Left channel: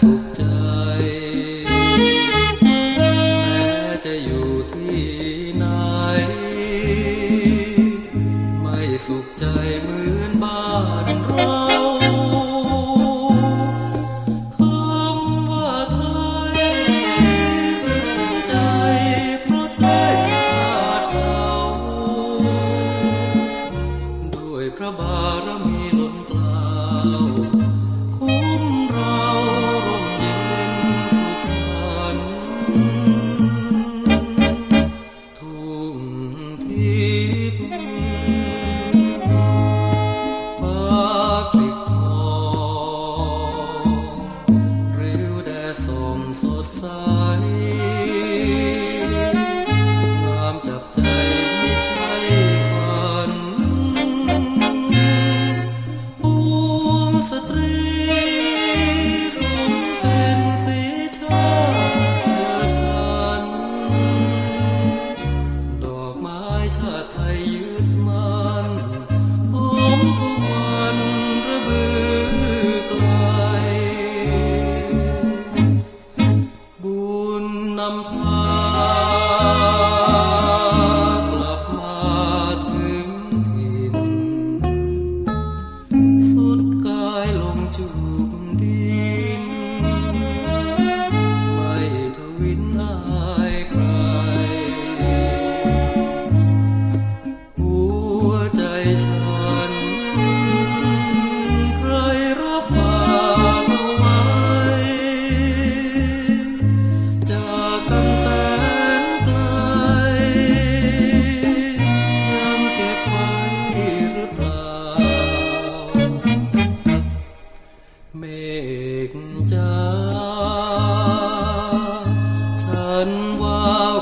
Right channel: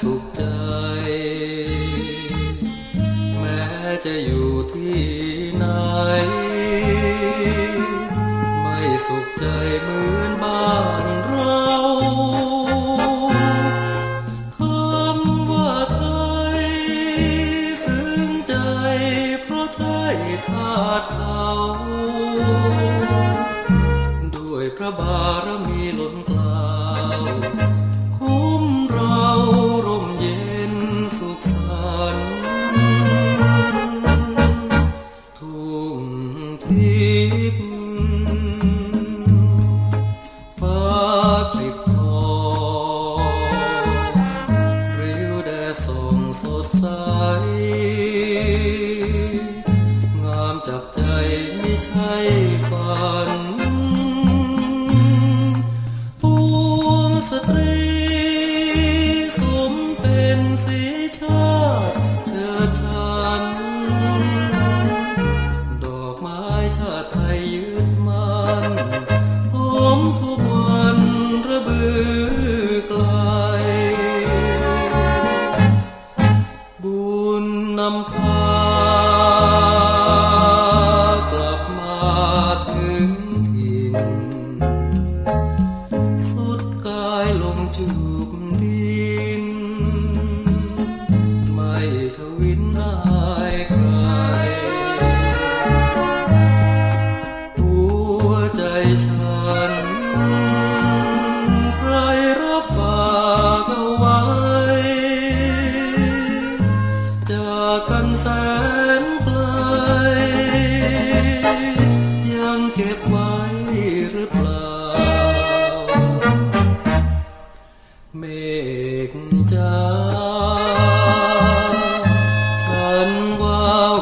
สุขใจ แม้จะอยู่ที่ไหน ไม่สุขใจเหมือนบ้านเราคำว่าไทยซึ้งใจเพราะใช่ธาตุเขาด้วยพระบารมีล้นกล่าว ลิบทองริ้วแดส่งสดใส งามจับใจไม่ใช่ฝันปวงสตรีสมเป็นสีชา นำพากลับมาถึงถิ่น สุดกายลงจูบดิน ไม่ทวินอายใคร หัวใจฉัน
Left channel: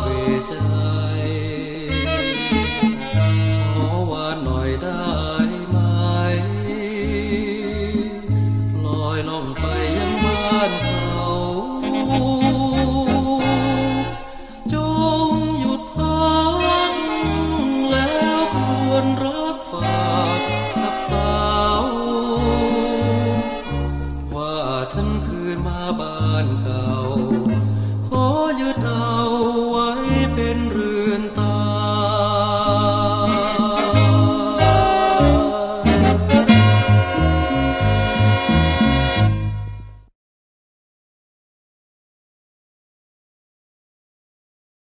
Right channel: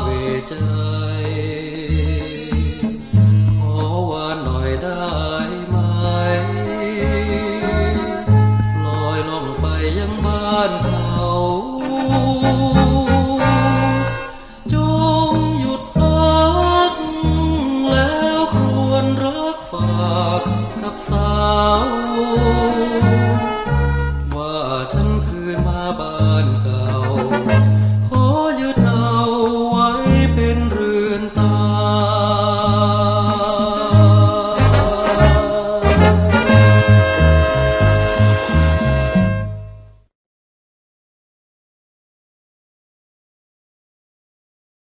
เวใจขอว่าหน่อยได้ไหมลอยล่องไปยังบ้านเขาจงหยุดพักแล้วครวญรักฝากกับสาวว่าฉันคืนมาบ้านเก่า